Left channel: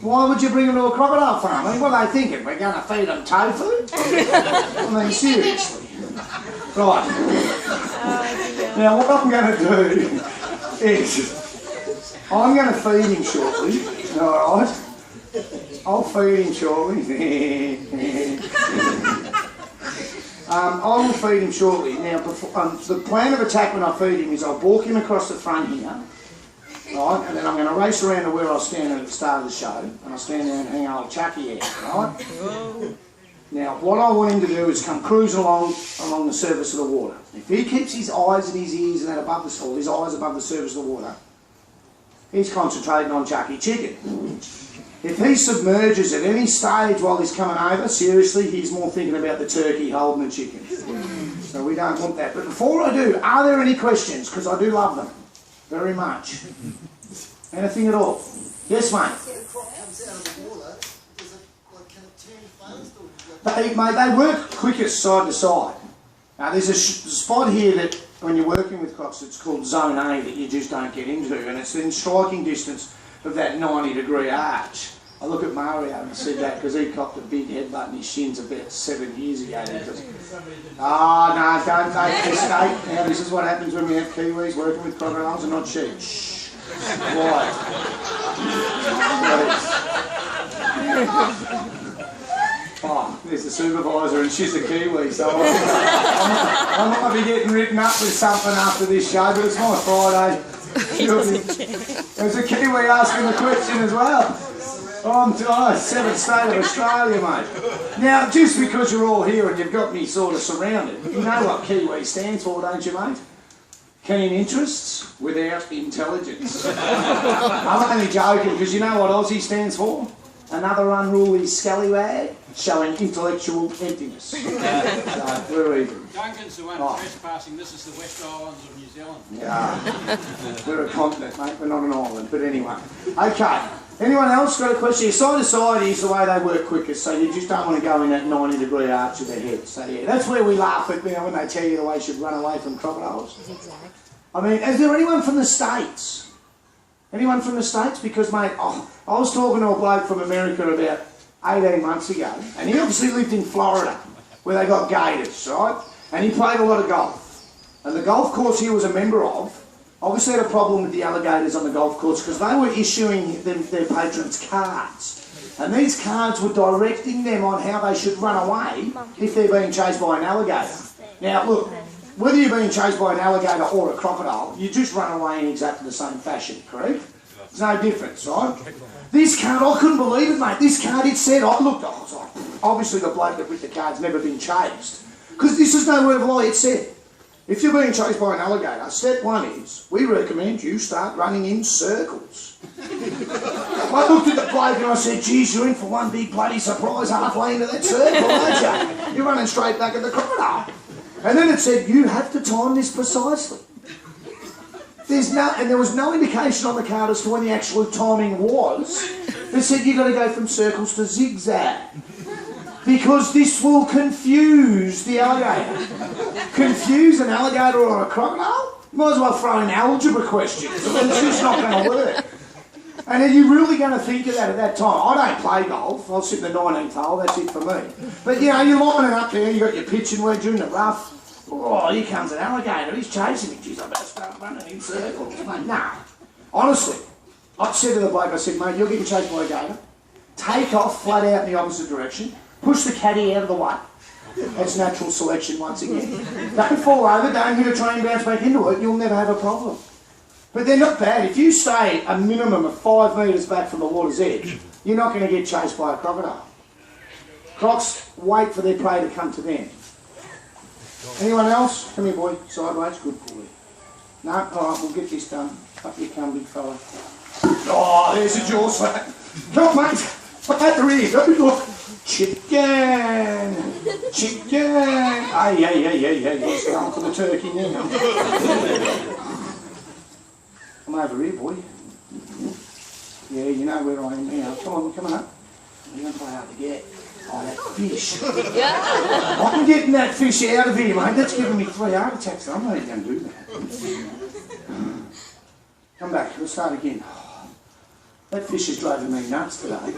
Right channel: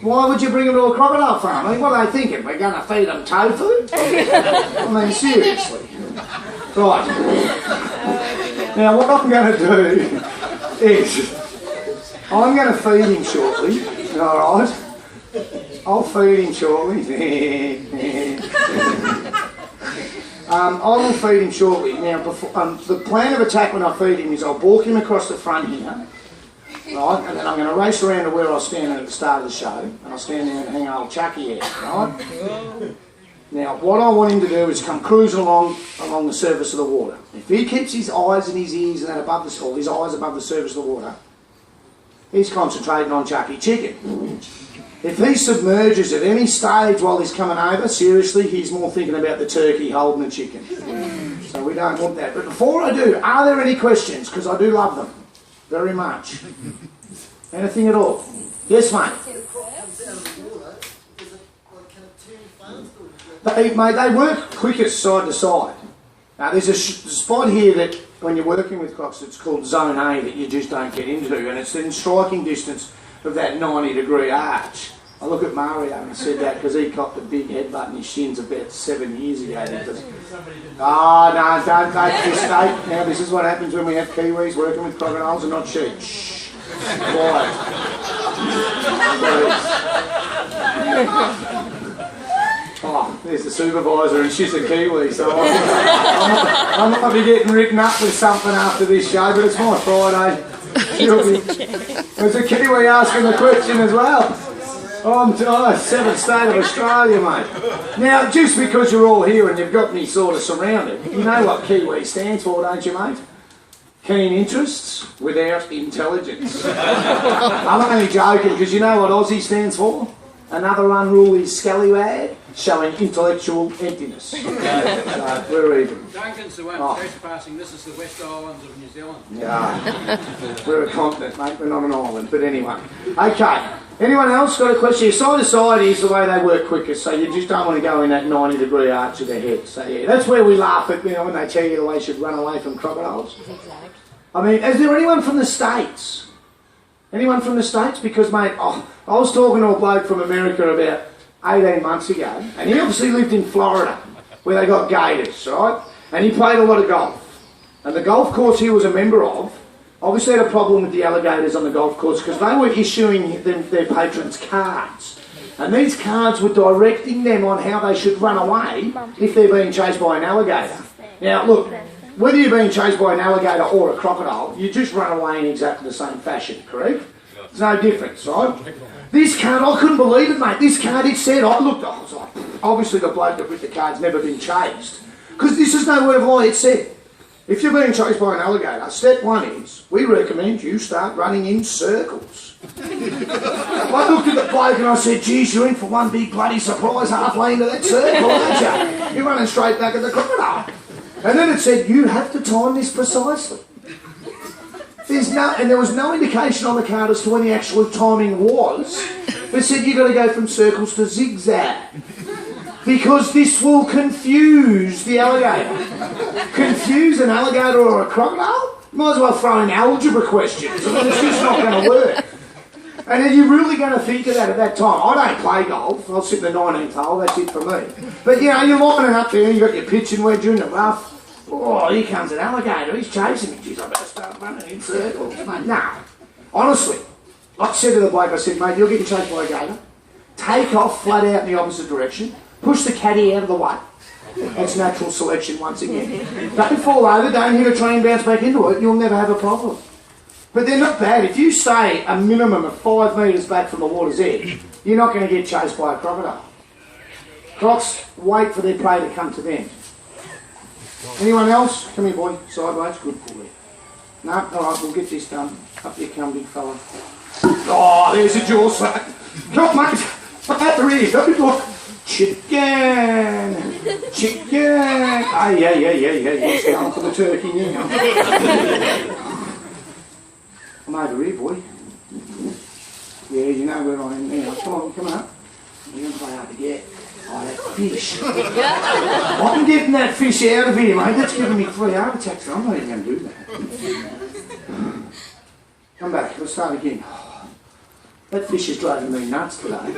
Why would you bring them to a crocodile farm? I mean, what are they thinking? We're going to feed them tofu? I mean, seriously. Right. Now, what I'm going to do is, I'm going to feed him shortly. All right? I'll feed him shortly. I will feed him shortly. Now, before, the plan of attack when I feed him is I'll walk him across the front here, right, and then I'm going to race around to where I stand at the start of the show, and I'll stand there and hang old Chucky out, right? Now, what I want him to do is come cruising along the surface of the water. If he keeps his eyes and his ears and that above the or his eyes above the surface of the water, he's concentrating on Chucky Chicken. If he submerges at any stage while he's coming over, seriously, he's more thinking about the turkey holding the chicken. So we don't want that. But before I do, are there any questions? Because I do love them very much. Anything at all? Yes, mate. They work quickest side to side. Now, there's a spot here that when you're working with crocs, it's called Zone A that you just don't get into, and it's in striking distance of that 90-degree arch. I look at Mario and I said that because he copped a big headbutt in his shins about 7 years ago. No, don't make a mistake. Now, this is what happens when we have Kiwis working with crocodiles and not sheep. Shh. Quiet. Oh, there's the supervisor and she's a Kiwi, so I'm not going to be getting written up with something after this show, but it's my Friday. There's a Kiwi asking the question as well. I'm the seventh state of Australia, mate. Now, just because you're all here and you've got me sort of surrounded, you know what Kiwi stands for, don't you, mate? Keen interests without intelligence. I'm only joking, because you know what Aussie stands for? Another unruly scallywag showing intellectual emptiness. So we're even. Duncan's the one trespassing. This is the West Islands of New Zealand. Yeah. We're a continent, mate. We're not an island. But anyway. Okay. Anyone else got a question? Side to side is the way they work quickest, so you just don't want to go in that 90-degree arch of their head. So yeah, that's where we laugh at, when they tell you the way you should run away from crocodiles. Exactly. I mean, is there anyone from the States? Anyone from the States? Because, mate, I was talking to a bloke from America about 18 months ago, and he obviously lived in Florida, where they got gators, right? And he played a lot of golf. And the golf course he was a member of obviously had a problem with the alligators on the golf course because they were issuing their patrons cards. And these cards were directing them on how they should run away if they're being chased by an alligator. Now, look, whether you're being chased by an alligator or a crocodile, you just run away in exactly the same fashion, correct? There's no difference, right? This card, I couldn't believe it, mate. This card, it said, I was like, obviously the bloke that with the card's never been chased. Because this is no word of lie, it said, if you're being chased by an alligator, step one is, we recommend you start running in circles. I looked at the bloke and I said, geez, you're in for one big bloody surprise halfway into that circle, aren't you? You're running straight back at the crocodile. And then it said, you have to time this precisely. And there was no indication on the card as to when the actual timing was. It said you've got to go from circles to zigzag. Because this will confuse the alligator. Confuse an alligator or a crocodile? You might as well throw in algebra questions. I mean, it's just not going to work. And are you really going to think of that at that time? I don't play golf. I'll sit in the 19th hole. That's it for me. But, you're lining up there. You've got your pitching wedge in the rough. Oh, here comes an alligator. He's chasing me. Geez, I better start running in circles. Mate, nah. Honestly, I said to the bloke, I said, mate, you're getting chased by a gator. Take off flat out in the opposite direction. Push the caddy out of the way. That's natural selection once again. Don't fall over. Don't hit a train, bounce back into it. You'll never have a problem. But they're not bad. If you stay a minimum of 5 metres back from the water's edge, you're not going to get chased by a crocodile. Crocs wait for their prey to come to them. Anyone else? Come here, boy. Sideways. Good pull there. No? All right, we'll get this done. Up you come, big fella. Oh, there's a jaw slap. Come on, mate. Up at the rear. Look. Chicken. Chicken. Yeah. It's going for the turkey now. I'm over here, boy. Yeah, you know where I am now. Come on up. You're going to play hard to get. I have fish. I'm getting that fish out of here, mate. That's giving me 3 heart attacks. I'm not even going to do that. Come back. Let's start again. That fish is driving me nuts today.